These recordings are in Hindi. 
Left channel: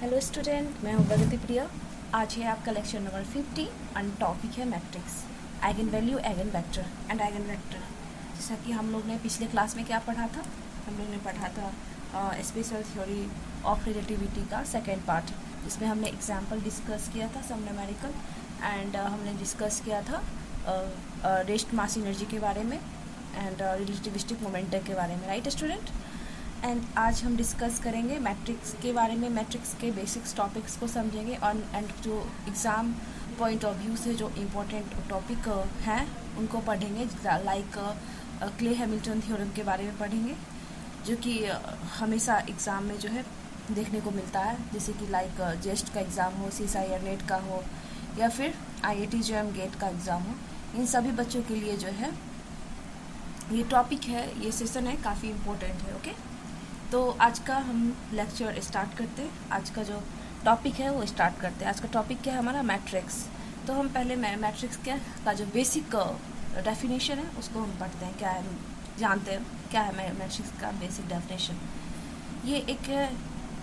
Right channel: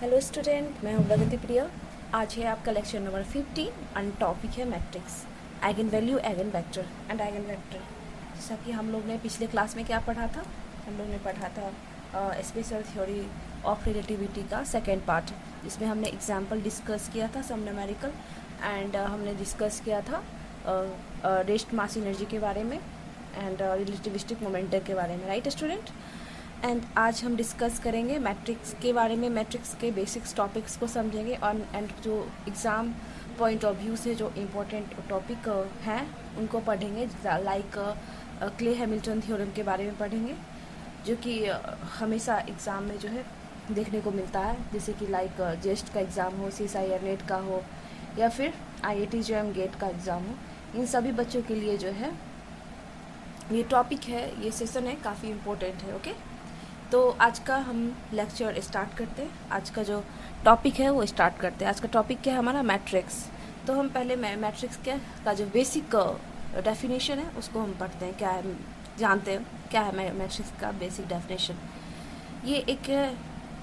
हेलो स्टूडेंट, मैं हूँ प्रगति प्रिया। आज है आपका लेक्चर नंबर 50 और टॉपिक है matrix, eigen value, eigen vector and eigen vector. जैसा कि हम लोग ने पिछले क्लास में क्या पढ़ा था, हम लोग ने पढ़ा था स्पेशल थ्योरी ऑफ रिलेटिविटी का सेकेंड पार्ट, जिसमें हमने एग्जाम्पल डिस्कस किया था सम न्यूमेरिकल एंड हमने डिस्कस किया था रेस्ट मास एनर्जी के बारे में एंड रिलेटिविस्टिक मोमेंटम के बारे में, राइट स्टूडेंट। एंड आज हम डिस्कस करेंगे मैट्रिक्स के बारे में, मैट्रिक्स के बेसिक्स टॉपिक्स को समझेंगे और एंड जो एग्ज़ाम पॉइंट ऑफ व्यू से जो इम्पोर्टेंट टॉपिक हैं उनको पढ़ेंगे, लाइक क्ले हैमिल्टन थ्योरम के बारे में पढ़ेंगे, जो कि हमेशा एग्ज़ाम में जो है देखने को मिलता है, जैसे कि लाइक जेस्ट का एग्ज़ाम हो, CSIR नेट का हो या फिर IIT JEM गेट का एग्ज़ाम हो। इन सभी बच्चों के लिए जो है ये टॉपिक है, ये सेशन है, काफ़ी इम्पोर्टेंट है। ओके, तो आज का हम लेक्चर स्टार्ट करते हैं। आज का जो टॉपिक है वो स्टार्ट करते हैं। आज का टॉपिक क्या है हमारा, मैट्रिक्स। तो हम पहले मैट्रिक्स का जो बेसिक डेफिनेशन है उसको हम पढ़ते हैं, क्या है जानते हैं क्या है मैट्रिक्स का बेसिक डेफिनेशन। ये एक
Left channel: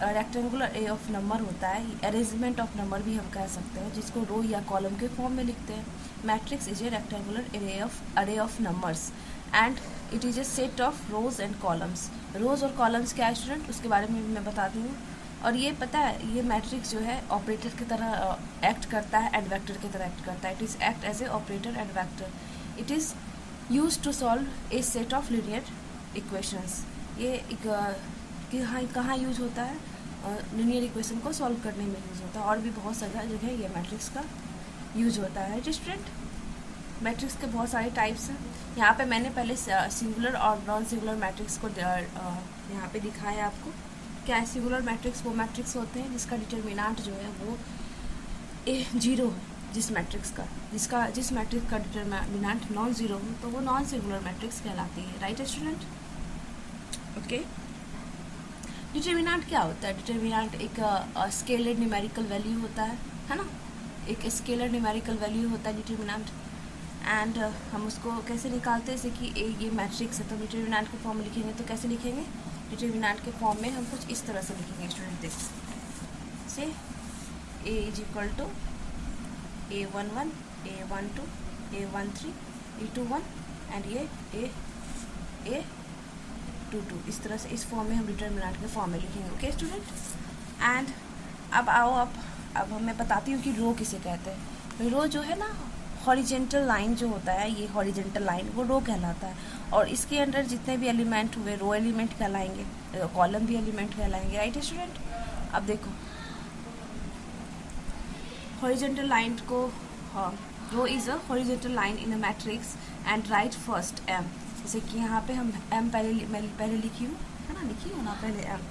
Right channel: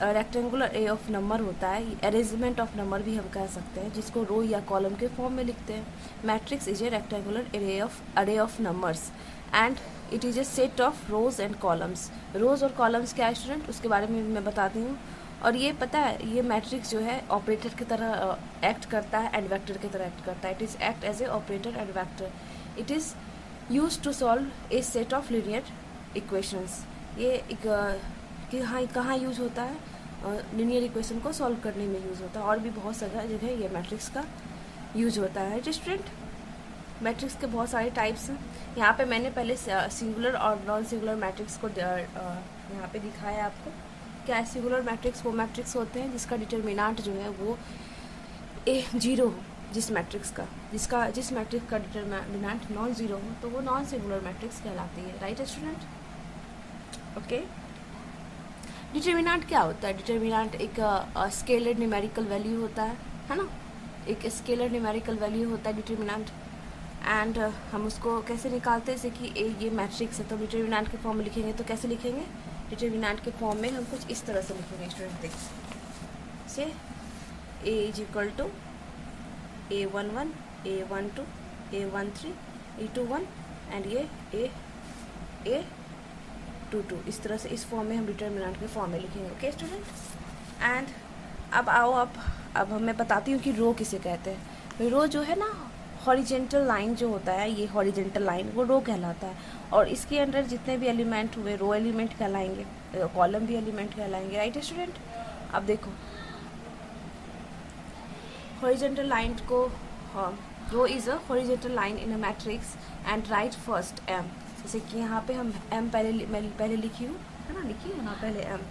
रेक्टेंगुलर ए ऑफ नंबर होता है, अरेंजमेंट ऑफ नंबर भी हम कह सकते हैं, जिसको रो या कॉलम के फॉर्म में लिखते हैं। Matrix is a rectangular array of numbers and it is a set of rows and columns. Rows और कॉलम्स क्या है स्टूडेंट, उसके बारे में मैं बताती हूँ। और ये पता है, ये मैट्रिक्स जो है ऑपरेटर की तरह एक्ट करता है एंड वेक्टर की तरह एक्ट करता है। It is act as a operator and vector. It is use to solve a set of linear equations. ये एक कि हाँ कहाँ यूज होता है, लीनियर इक्वेशन को सॉल्व करने में यूज़ होता है, और भी बहुत सारा जगह ये मैट्रिक्स का यूज होता है। स्टूडेंट, मैट्रिक्स के बहुत सारे टाइप्स हैं। यहाँ पे मैंने पहले सिंगुलर और नॉन सिंगुलर मैट्रिक्स को यहाँ पे दिखाया आपको। क्या है सिंगुलर मैट्रिक्स? वो मैट्रिक्स होते हैं जिसका डिटर्मिनेंट जो है वो जीरो हो, जिस मैट्रिक्स का डिटर्मिनेंट नॉन जीरो हो तो वो नॉन सिंगुलर मैट्रिक्स कहलाती है, राइट स्टूडेंट। ओके, डिटर्मिनेंट क्या होता है? डिटर्मिनेंट एक स्केलर न्यूमेरिकल वैल्यू होता है ना, एक स्केलर न्यूमेरिकल वैल्यू होता है डिटर्मिनेंट। एंड हम उसको कैसे निकालते हैं, जैसे कि ये मैट्रिक्स है तो डिटर्मिनेंट के फॉर्म में लिखेंगे तो कैसे लिखेंगे, डिटर्मिनेंट के फॉर्म में हम कुछ इस तरह से लिखेंगे स्टूडेंट। देखिए से A is equal to A11, A12, A13, A21 and ये A22, इस तरह से इस फॉर्म में हम डिटर्मिनेंट के फॉर्म में लिखेंगे। ओके स्टूडेंट, एंड अब आओ अब मैं बताती हूँ कि रो किसे कहते हैं। रो जो है ना, हॉरिजेंटल लाइन जो होता है, ये हॉरिजेंटल लाइन वो रो कहलाता है, और इसके अंदर जितने भी एलिमेंट हुए रो एलिमेंट कहलाएंगे, कॉलम भी एलिमेंट कहलाएंगे, राइट स्टूडेंट। अब देखो हॉरिजेंटल लाइन को, row is a horizontal line in a matrix and write first M. जैसे कि यहाँ पे हम एम पहले लिखी हूँ, है ना, लिखी हूँ ना पहले एम,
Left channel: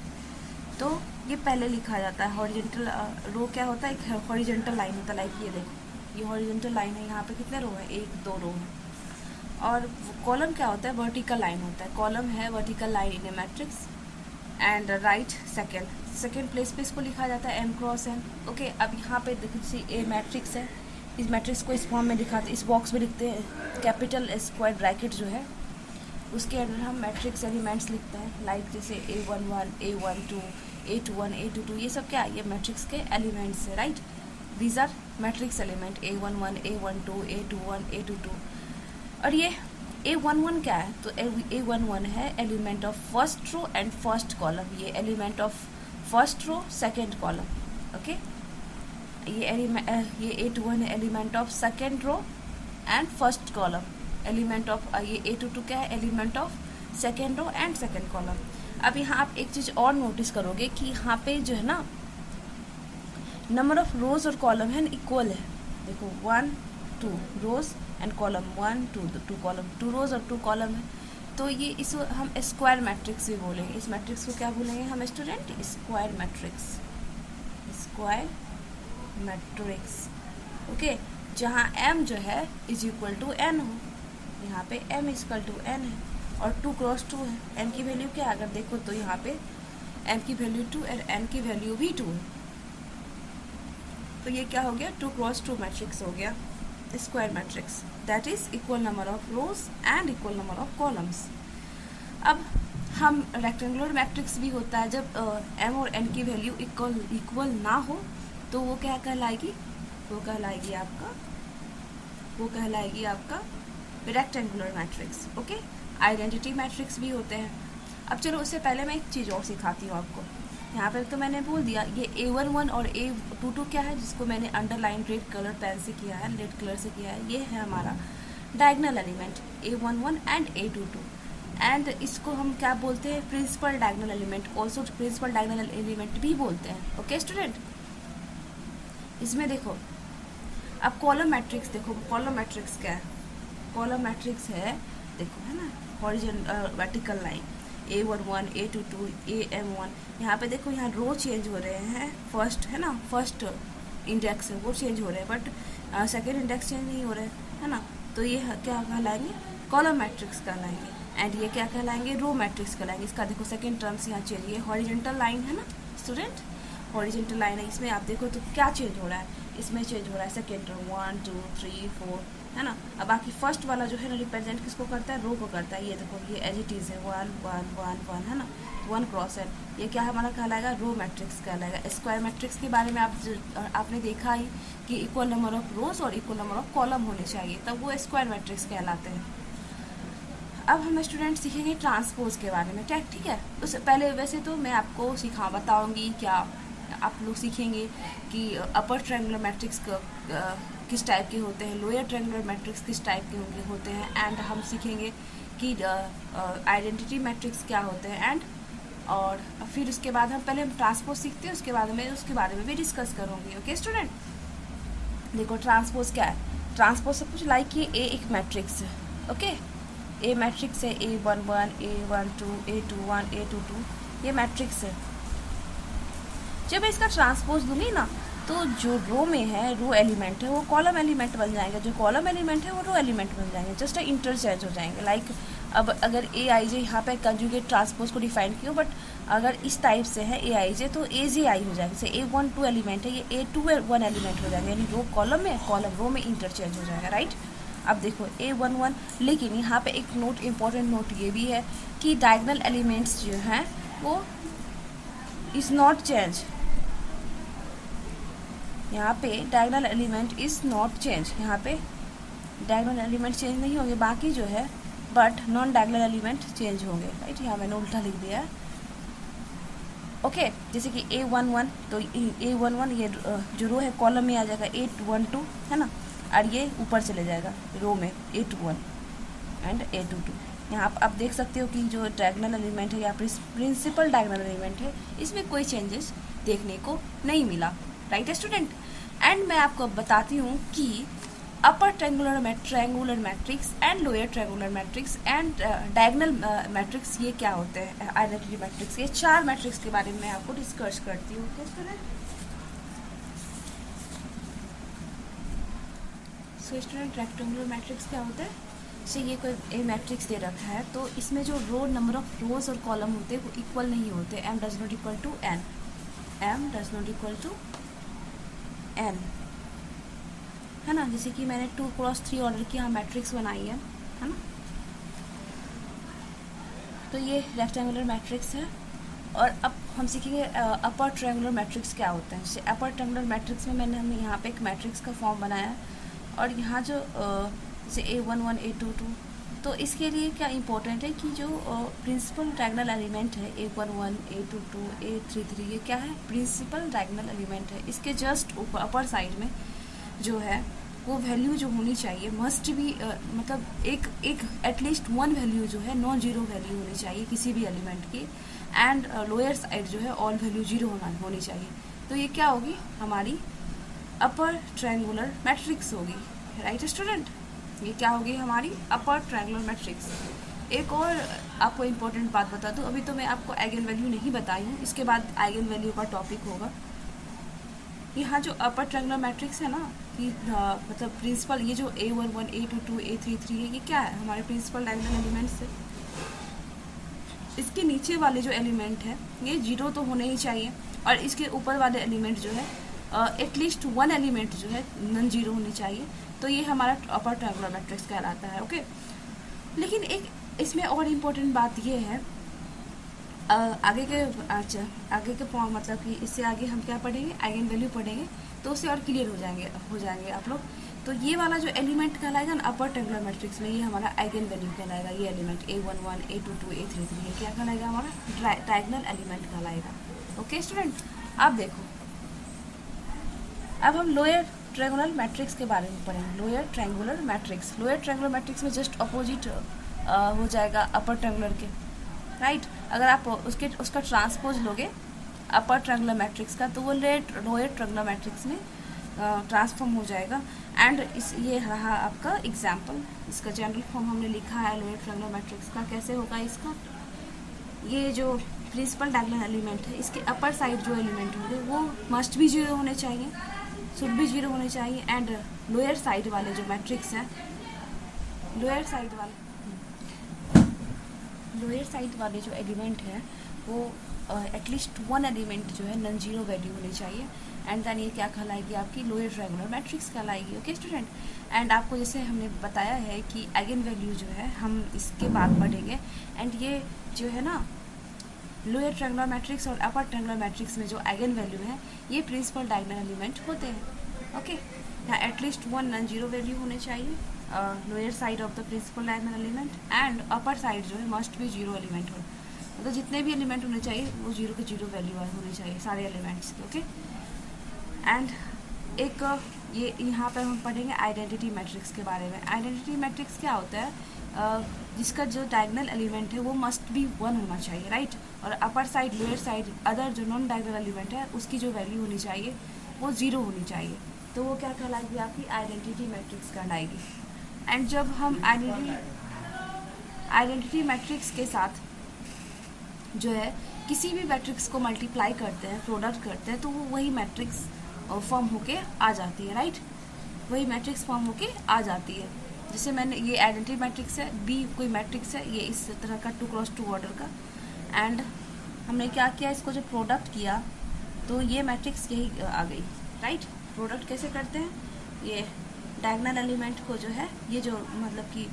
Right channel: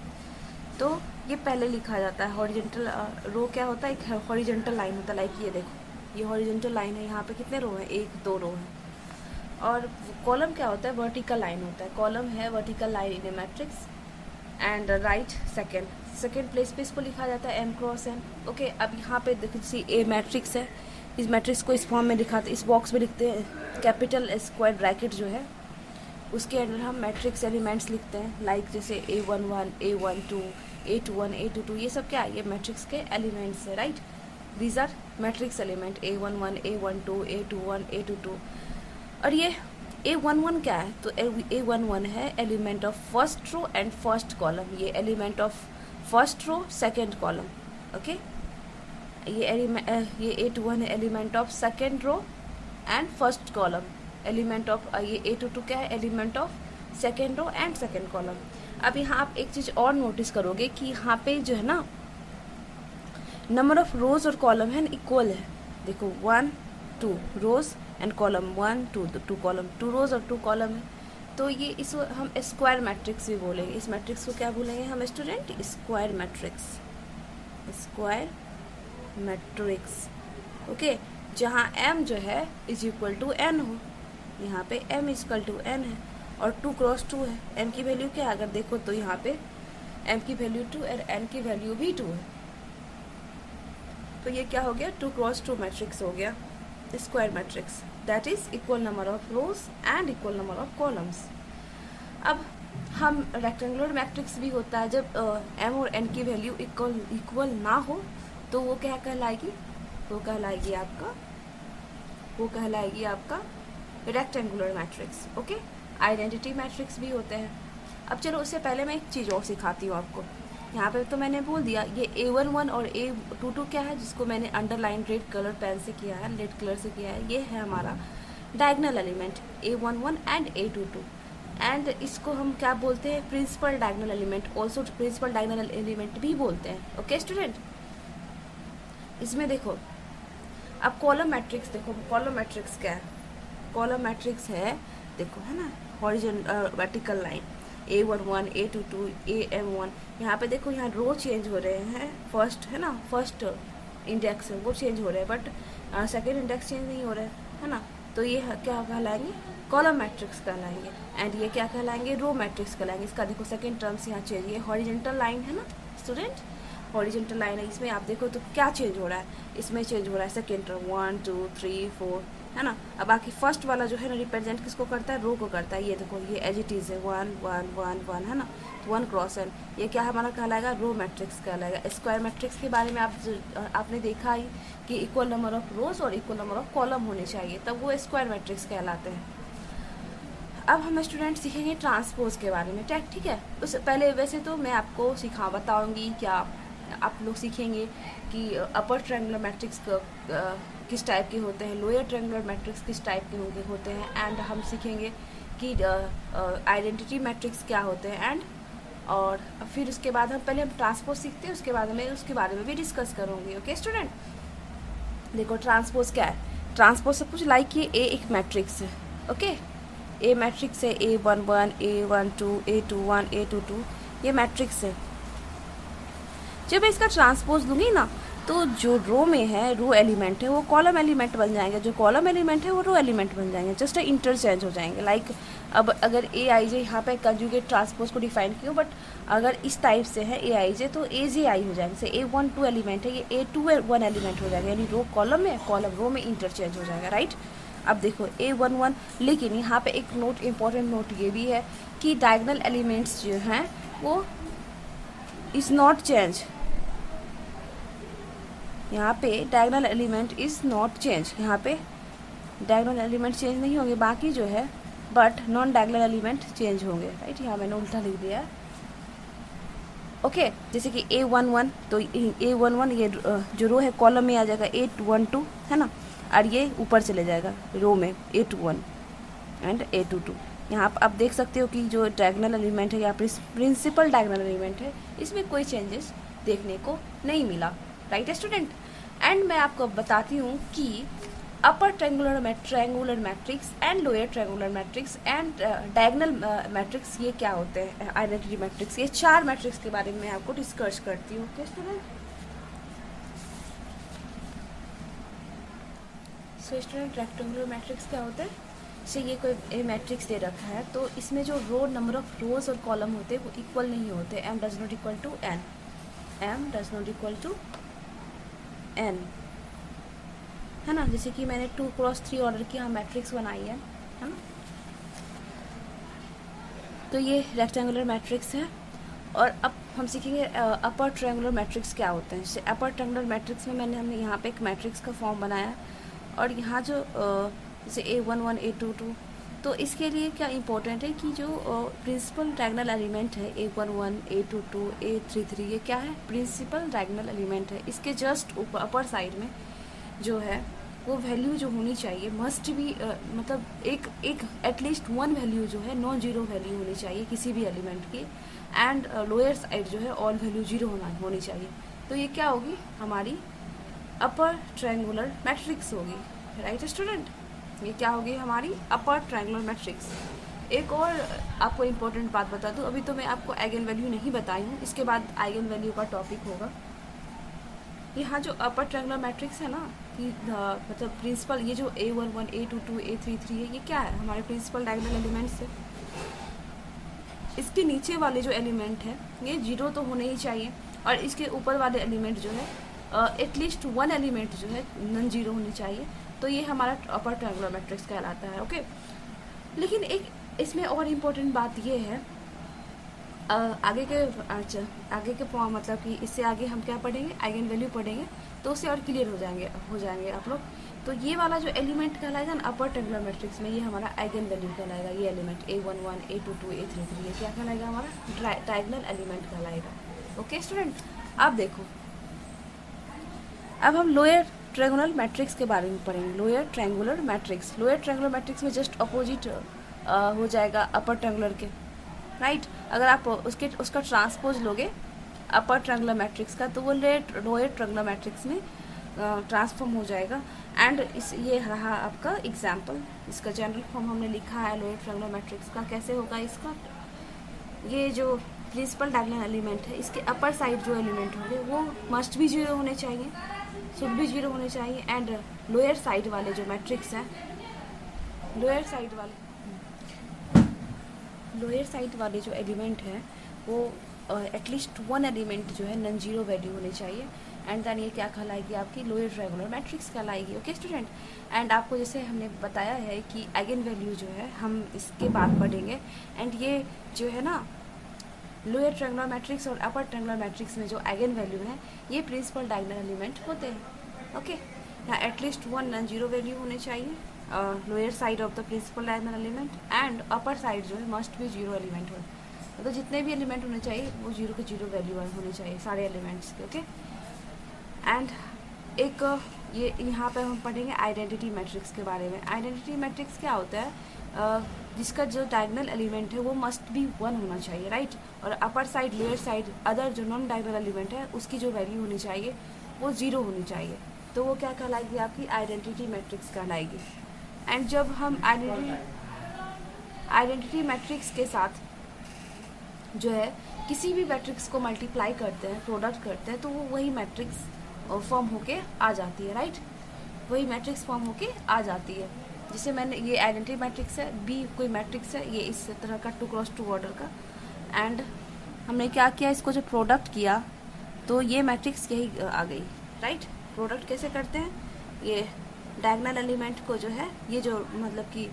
तो ये पहले लिखा जाता है। हॉरिजेंटल रो क्या होता है, एक हॉरिजेंटल लाइन होता है, लाइक ये देखो ये हॉरिजेंटल लाइन है, यहाँ पे कितने रो है, 1 2 रो है। और कॉलम क्या होता है, वर्टिकल लाइन होता है। कॉलम है vertical line in A matrix and right second place पे इसको लिखा जाता है m क्रॉस n। ओके, अब यहाँ पे देखो जैसे ए मैट्रिक्स है, इस मैट्रिक्स को इस फॉर्म में दिखाते, इस बॉक्स में लिखते हैं, कैपिटल स्क्वायर ब्रैकेट जो है उसके अंदर हम मैट्रिक्स एलिमेंट्स लिखते हैं, लाइक जैसे A11, A12, A21, A22, ये सब क्या है, ये मैट्रिक्स के एलिमेंट्स है, right. These are matrix element A11, A12, A21, A22। और ये A11 क्या है, तो A11 है element of first row and first column. ये element of first row second column. Okay, ये A21 है element of second row and first column. Element of ये A22 क्या है, element of second row and second column. अब यहाँ आप एक चीज़ और नोटिस करोगे कि यहाँ पे जो है ना नंबर ऑफ रोज और कॉलम है इक्वल है। देखो 1 2 रोज एंड कॉलम, 1 2 कॉलम, 2 रोज और 2 कॉलम है, तो ये इस हम स्क्वायर मैट्रिक्स भी बोलेंगे। इस मैट्रिक्स को क्या बोलेंगे हम student, square matrix, square matrix. Okay, जहाँ m जो है इज इक्वल टू n हो, यहाँ पे m is equal to n है और 2 क्रॉस 2 है। m की वैल्यू क्या है, अगर देखो तो यहाँ पे m की वैल्यू 2 और n की वैल्यू भी 2 है, तो ये क्या हो गया, 2 क्रॉस 2 मैट्रिक्स हो गया square matrix, that is equal number of rows and equal number of columns. अब हम रेक्टेंगुलर मैट्रिक्स भी होता है जब m और n की वैल्यू इक्वल ना हो, तो वो क्या कहलाएगी, वो कहलाएगी आपका rectangular matrix. Okay, identity matrix भी होते हैं। अब चलो उससे पहले मैं एक चीज़ और सिखाती हूँ आपको। यहाँ पे तो मैंने बोल दिया ये A11 और A22 क्या है, जिसको मैंने अंडरलाइन रेड कलर पेन से किया है, रेड कलर से किया है। ये है हमारा diagonal element A11 and A22, and इसको हम क्या बोलते हैं, principal diagonal element, also principal diagonal element भी बोलते हैं। ओके स्टूडेंट, इसमें देखो अब कॉलम मैट्रिक्स देखो, कॉलम मैट्रिक्स क्या है, कॉलम मैट्रिक्स है देखो, है ना, horizontal vertical line A11 A22 AM1। यहाँ पे देखो, यहाँ रो चेंज हो रहे हैं, फर्स्ट है ना, फर्स्ट इंडेक्स है वो चेंज हो रहे हैं, बट सेकेंड इंडेक्स चेंज नहीं हो रहे है ना। तो ये क्या कहलाएंगे, कॉलम मैट्रिक्स कहलाएंगे, एंड ये क्या कहलाएंगे, रो मैट्रिक्स कहलाएंगे। इसका देखो सेकेंड टर्म्स यहाँ चेंज, ये हॉरिजॉन्टल लाइन है ना स्टूडेंट, हॉरिजॉन्टल लाइन है, इसमें आप देखो तो क्या चेंज हो रहा है, इसमें चेंज हो रहा है सेकेंड टर्म 1 2 3 4 है ना। अब बाकी फर्स्ट वाला जो है ना रिप्रेजेंट किसको करता है, रो को करता है। ये देखो ये एज इट इज़ है 1 1 1 1 है ना, 1 क्रॉस एन, ये क्या हमारा कहलाएगा, रो मैट्रिक्स कहलाएगा। स्क्वायर मैट्रिक्स के बारे में आपने देखा ही कि इक्वल नंबर ऑफ रोज और इक्वल नंबर ऑफ कॉलम होने चाहिए, तब वो स्क्वायर मैट्रिक्स कहलाते हैं। अब हम स्टूडेंट सीखेंगे ट्रांसपोज के बारे में, ठीक है। उससे पहले वैसे तो मैं आपको बताऊंगी क्या, आप लोग सीखेंगे कि अपर ट्रायंगुलर मैट्रिक्स किस टाइप के होते हैं, लोअर ट्रायंगुलर मैट्रिक्स किस टाइप के होते हैं, एंड हम सीखेंगे कि आइडेंटिटी मैट्रिक्स क्या होते हैं, एंड और फिर उसके बाद हम ट्रांसपोज सीखते हैं, उसके बाद मैं उसके बारे में भी डिस्कस करूँगी। ओके स्टूडेंट, देखो ट्रांसपोज क्या है, ट्रांसपोज सब कुछ लाइक ये ए एक मैट्रिक्स है। ओके, ए मैट्रिक्स है, A11 A12 A21 A22, ये मैट्रिक्स है। जब मैं इसका ट्रांसपोज लूँगी ना, तो जो रो में है, रो एलिमेंट है, वो कॉलम एलिमेंट बन जाएंगे, जो कॉलम एलिमेंट है वो रो एलिमेंट बन जाएंगे, जस्ट इंटरचेंज हो जाएंगे। लाइक अब अगर AIJ यहाँ पे कंजुगेट ट्रांसपोज को डिफाइन किया, बट अगर इस टाइप से है AIJ तो AJI हो जाएगा। जैसे A12 एलिमेंट है, ये A21 एलिमेंट हो जाएगा, यानी रो कॉलम में, कॉलम रो में इंटरचेंज हो जाएगा, राइट। अब देखो A11, लेकिन यहाँ पे एक नोट, इम्पॉर्टेंट नोट ये भी है कि डायगोनल एलिमेंट्स जो हैं वो इज़ नॉट चेंज, यहाँ पे diagonal element is not change, यहाँ पे डायगोनल एलिमेंट चेंज नहीं होंगे, बाकी जो है but non diagonal element change होंगे, राइट। यहाँ मैंने उल्टा लिख दिया है। ओके, जैसे कि A11, तो A11 ये जो रो है कॉलम में आ जाएगा A12 है ना, और ये ऊपर चले जाएगा रो में A21 एंड A22। यहाँ आप देख सकते हो कि जो डायगोनल एलिमेंट है या प्रिंसिपल डायगोनल एलिमेंट है, इसमें कोई चेंजेस देखने को नहीं मिला, राइट स्टूडेंट। एंड मैं आपको बताती हूँ कि upper triangular matrix and lower triangular matrix and diagonal matrix ये क्या होते हैं, आइडेंटिटी मैट्रिक्स, ये 4 मैट्रिक्स के बारे में मैं आपको डिस्कस करती हूँ। Okay student, so student rectangular matrix क्या होता है, से ये कोई मैट्रिक्स दे रखा है, तो इसमें जो रो नंबर ऑफ रोज और कॉलम होते हैं वो इक्वल नहीं होते, m does not equal to n, m does not equal to n, है ना। जैसे कि मैंने 2x3 ऑर्डर की यहाँ मैट्रिक्स बनाई है ना, तो ये रेक्टेंगुलर मैट्रिक्स है। और अब हम सीखेंगे अपर ट्रायंगुलर मैट्रिक्स क्या होते हैं। अपर ट्रायंगुलर मैट्रिक्स में हमने यहाँ पे एक मैट्रिक्स का फॉर्म बनाया, और यहाँ जो जैसे A11 A22, तो इसके लिए क्या इम्पोर्टेंट है कि जो प्रिंसिपल डायगोनल एलिमेंट है A11 A22 A33, ये क्या है, प्रिंसिपल डायगोनल एलिमेंट है। इसके जस्ट ऊपर अपर साइड में जो है वो वैल्यू जो होनी चाहिए मस्ट भी मतलब एक एटलीस्ट 1 वैल्यू जो है नॉन जीरो वैल्यू होनी चाहिए किसी भी एलिमेंट की, एंड लोअर साइड जो है ऑल वैल्यू जीरो होनी चाहिए। तो ये क्या होगी, हमारी अपर ट्रायंगुलर मैट्रिक्स होगी, राइट स्टूडेंट। ये क्या होगी, हमारी अपर ट्रायंगुलर मैट्रिक्स। एक और आपको इम्पोर्टेंट बात बता दूं, अभी तो मैं आपको आइगन वैल्यू नहीं बताई हूँ, इसके बाद आइगन वैल्यू का टॉपिक होगा। यहाँ जो अपर ट्रायंगुलर मैट्रिक्स है ना, कि मतलब प्रिंसिपल, ये जो A11 A22 A33 है, ये क्या है, हमारे प्रिंसिपल डायगोनल एलिमेंट्स है। इसके नीचे वाले जो एलिमेंट है ये जीरो तो होने ही चाहिए, और इसके ऊपर वाले एलिमेंट जो है एटलीस्ट 1 एलिमेंट जो है नॉन जीरो होनी चाहिए। तो ये हमारा अपर ट्रायंगुलर मैट्रिक्स कहलाता है। ओके, लेकिन एक इसमें और इम्पोर्टेंट बात ये है आगे के अच्छा आगे के मतलब कि इससे आगे हम क्या पढ़ेंगे, आइगन वैल्यू पढ़ेंगे, तो उससे और क्लियर हो जाएंगे आप लोग। तो ये वाला जो एलिमेंट कहलाएगा ना अपर ट्रायंगुलर मैट्रिक्स में, ये हमारा आइगन वैल्यू कहलाएगा। ये एलिमेंट A11 A22 A33 ये क्या कहलाएगा, हमारा डायगोनल एलिमेंट कहलाएगा। ओके स्टूडेंट, अब देखो, अब हम लोअर ट्रायंगुलर मैट्रिक्स के बारे में पढ़ेंगे। Lower triangular matrix, lower triangular matrix में जस्ट अपोजिट हो जाएगा अपर ट्रायंगुलर के, राइट। अगर आप उसका ट्रांसपोज लोगे अपर ट्रायंगुलर मैट्रिक्स का, तो वो लोअर ट्रायंगुलर मैट्रिक्स में ट्रांसफॉर्म हो जाएगा। एंड ये रहा आपका एग्जाम्पल, इसका जनरल फॉर्म हमने लिखा है लोअर ट्रायंगुलर मैट्रिक्स का। कैसे होगा इसका, ये जो प्रिंसिपल डायगोनल एलिमेंट है, इसके अपर साइड जो एलिमेंट होंगे वो मस्ट भी 0 होने चाहिए, शुड भी 0 होने चाहिए। एंड लोअर साइड वाले जो मैट्रिक्स हैं, लोअर साइड वाले जो एलिमेंट हैं वो एटलीस्ट वन एलिमेंट जो है नॉन जीरो वैल्यू होनी चाहिए। एंड देन ये क्या कहलाएगी, आपकी लोअर ट्रायंगुलर मैट्रिक्स कहलाएगी। ओके स्टूडेंट, एंड आपको जैसे हमने बताया है कि आइगन वैल्यू जो है हम इसके बाद पढ़ेंगे। एंड ये जो है ना लोअर ट्रायंगुलर मैट्रिक्स और अपर ट्रायंगुलर मैट्रिक्स में जो आइगन वैल्यू है ये प्रिंसिपल डायगोनल एलिमेंट होते हैं। ओके, यहाँ at least one non zero value होने चाहिए lower side of the principal diagonal element, and upper side जो है मस्ट भी 0 एलिमेंट हो, मतलब जितने भी एलिमेंट होने चाहिए वो 0 के 0 वैल्यू होने चाहिए सारे एलिमेंट्स के। ओके, एंड एक ये यहाँ पर हम पढ़ेंगे आइडेंटिटी मैट्रिक्स के बारे में। आइडेंटिटी मैट्रिक्स क्या होता है, जिसका जो डायगोनल एलिमेंट है वो मस्ट बी 1 होना चाहिए, राइट। और upper side lower side other जो नॉन डायगोनल एलिमेंट है उसकी जो वैल्यू होनी चाहिए वो 0 होनी चाहिए, तो वो क्या कहलाएगी, आपकी आइडेंटिटी मैट्रिक्स कहलाएगी। एंड जब हम आइडेंटिटी मैट्रिक्स के साथ जो है किसी भी मैट्रिक्स को मल्टीप्लाई करते हैं, प्रोडक्ट करते हैं, तो वो वही मैट्रिक्स फॉर्म होके आ जाती है, राइट। वही मैट्रिक्स फॉर्म होके आ जाती है। जैसे मैंने ये आइडेंटिटी मैट्रिक्स है, बी कोई मैट्रिक्स है, ये इस तरह का 2x2 ऑर्डर का, एंड हमने क्या किया, इसको जो प्रोडक्ट किया तो ये मैट्रिक्स यही आ गई, राइट। प्रोडक्ट कैसे करते हैं, ये डायगोनल एलिमेंट को जो है, ये जो मतलब कि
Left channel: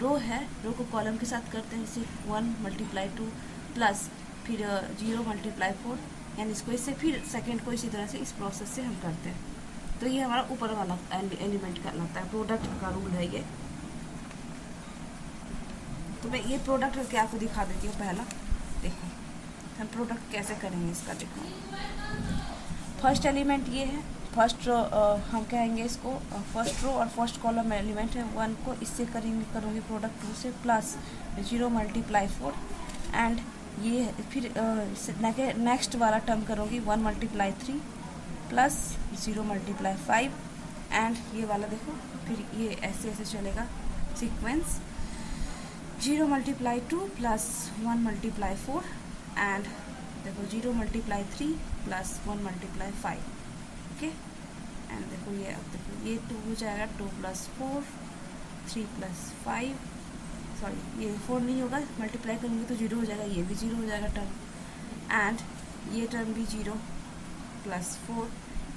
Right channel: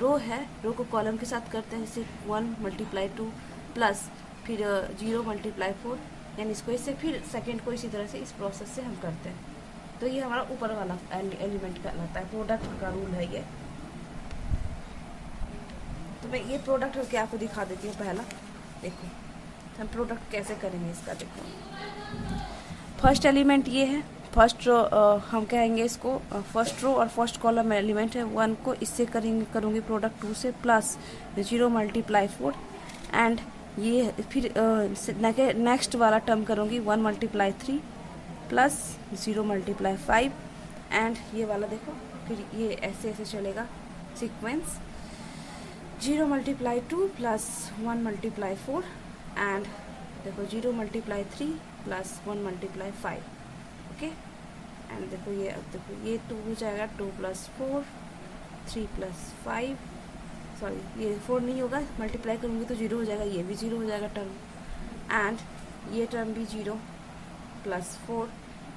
रो है, रो को कॉलम के साथ करते हैं, जैसे 1 × 2 प्लस फिर 0 × 4, यानी इसको इससे फिर सेकेंड को इसी तरह से इस प्रोसेस से हम करते हैं। तो ये हमारा ऊपर वाला एलिमेंट कहलाता है, प्रोडक्ट का रूल है ये। तो मैं ये प्रोडक्ट करके आपको दिखा देती हूँ। पहला देखो हम प्रोडक्ट कैसे करेंगे इसका, देखो फर्स्ट एलिमेंट ये है, फर्स्ट रो हम कहेंगे इसको फर्स्ट रो और फर्स्ट कॉलम एलिमेंट है 1 को इससे करूँगी प्रोडक्ट 2 से, प्लस 0 × 4, एंड ये फिर नेक्स्ट वाला टर्म करूँगी 1 × 3 प्लस 0 × 5, एंड ये वाला देखो फिर ये ऐसे ऐसे चलेगा सीक्वेंस 0 × 2 प्लस 1 × 4, एंड देखो 0 × 3 प्लस 1 × 5। ओके, एंड देखो ये, अब देखो ये 2 हो जाएगा, 2 + 4 3 + 5, सॉरी ये 4 नहीं होगा, मल्टीप्लाई करूँगी तो 0 हो जाएगा, ये भी 0 हो जाएगा टर्म, एंड ये टर्म भी 0 + 4,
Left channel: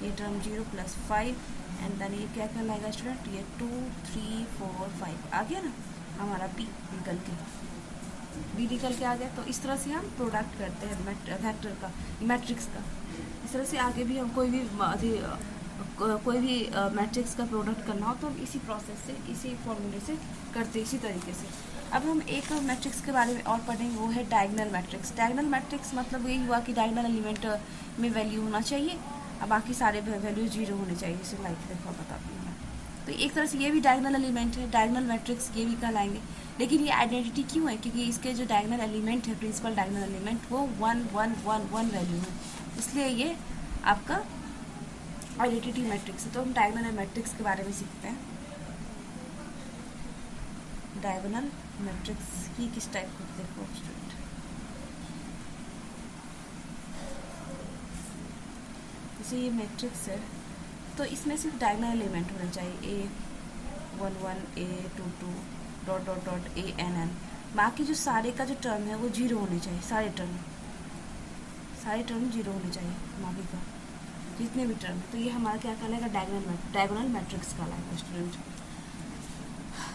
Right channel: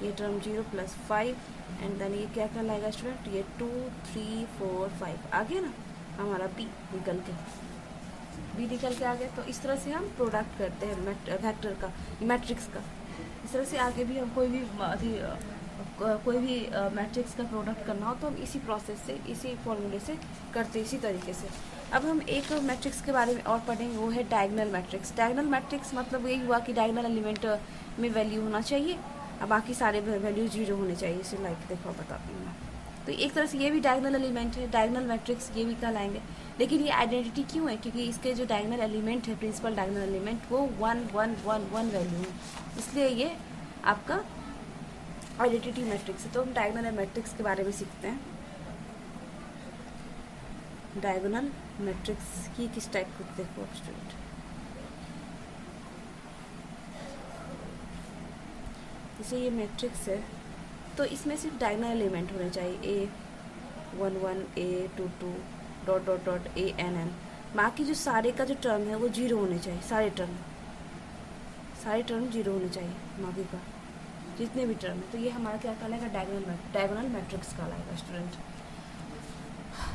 ये टर्म 0 + 5, एंड देन ये क्या कहलाएगा स्टूडेंट, ये 2 3 4 5 आ गया ना हमारा बी निकल के आ गया। तो इस तरह से हम प्रोडक्ट करते हैं वेक्टर का, मैट्रिक्स का। इस तरह से आगे भी हम कोई भी मैट्रिक्स का प्रोडक्ट करना हो तो हम इसी प्रोसेस से, इसी फॉर्मूले से करते हैं, इसी तरीके से। अब हम एक मैट्रिक्स के बारे में और पढ़ेंगे, वो है डायगोनल मैट्रिक्स। डायगोनल मैट्रिक्स मतलब यही हुआ कि डायगोनल एलिमेंट में वैल्यू होना चाहिए, अब बाकी सारे वैल्यू 0 होने चाहिए। इसे लाइक देखो बताती हूँ मैं। तो एक तरह से ये भी डायगोनल एलिमेंट है, डायगोनल मैट्रिक्स ये भी कहलाएंगे। लेकिन ये आइडेंटिटी क्यों है, क्योंकि इसके जो डायगोनल एलिमेंट है, प्रिंसिपल डायगोनल एलिमेंट, वो 1 1 1 1 वैल्यू है, इसलिए ये आपका आइडेंटिटी मैट्रिक्स है। तो हम डायगोनल मैट्रिक्स के बारे में सीखते हैं। डायगोनल मैट्रिक्स ये किस टाइप को, देखो स्टूडेंट, जैसे ये मैट्रिक्स है तो इसमें सिर्फ डायगोनल एलिमेंट होने चाहिए, A11 A22 ... ANN। बाकी जो सारे का जो टर्म है वो 0 होने चाहिए, सारे टर्म 0 होने चाहिए, बाकी का जितने भी टर्म है। तो ये हमारा क्या कहलाएगा, डायगोनल मैट्रिक्स कहलाएगा स्टूडेंट।